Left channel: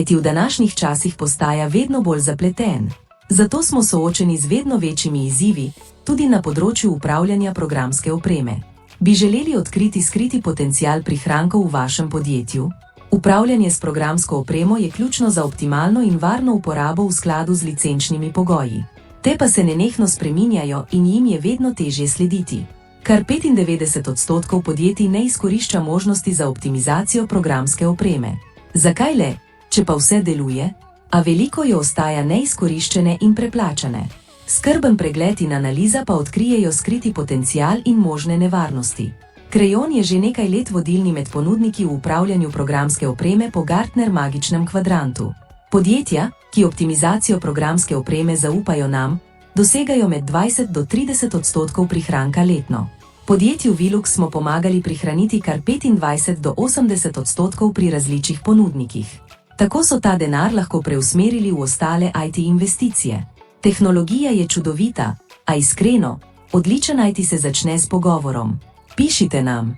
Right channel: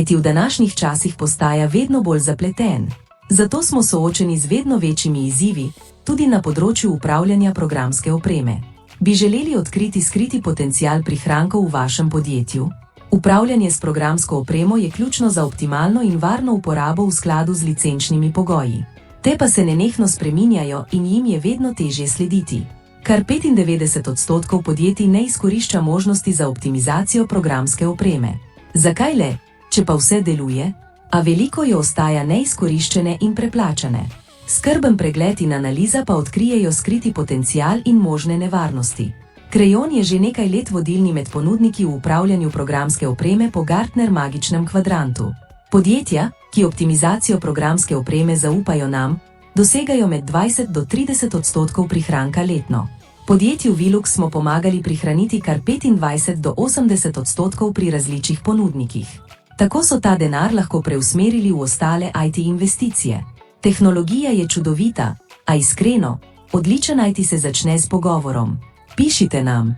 IT v današnjih časih postaja vedno bolj zapleten. Zato smo soočeni z vedno večjimi izzivi, tudi na področju upravljanja programske opreme. Bi želeli odkriti skriti potencial prihrankov v vašem podjetju? Upravljanje s programsko opremo je ključno za optimalno in varno uporabo v skladu z licenčnimi pogoji. Te pa se nenehno spreminjajo in jim je vedno težje slediti. Kar 95% podjetij ne izkorišča možnosti za optimizacijo programske opreme. Zakaj le, če pa vse deluje, a veliko jo ostaja neizkoriščene in preplačane? Skrben pregled in analiza pa odkrijejo skriti potencial in možne nevarnosti. Crayon je že nekaj let vodilni med ponudniki v upravljanju programske opreme po Gartner magičnem kvadrantu. Podjetja, ki optimizacijo programske opreme zaupajo nam, dosegajo med 20 do 30% prihranka letno. Podjetju Velux smo pomagali prihraniti kar 25 do 80% pri različnih ponudnikih. Tako so ta denar lahko preusmerili v ostale IT investicije. Tehnologija je čudovita, a iskreno, odličen IT se začne s pogovorom. Pišite nam.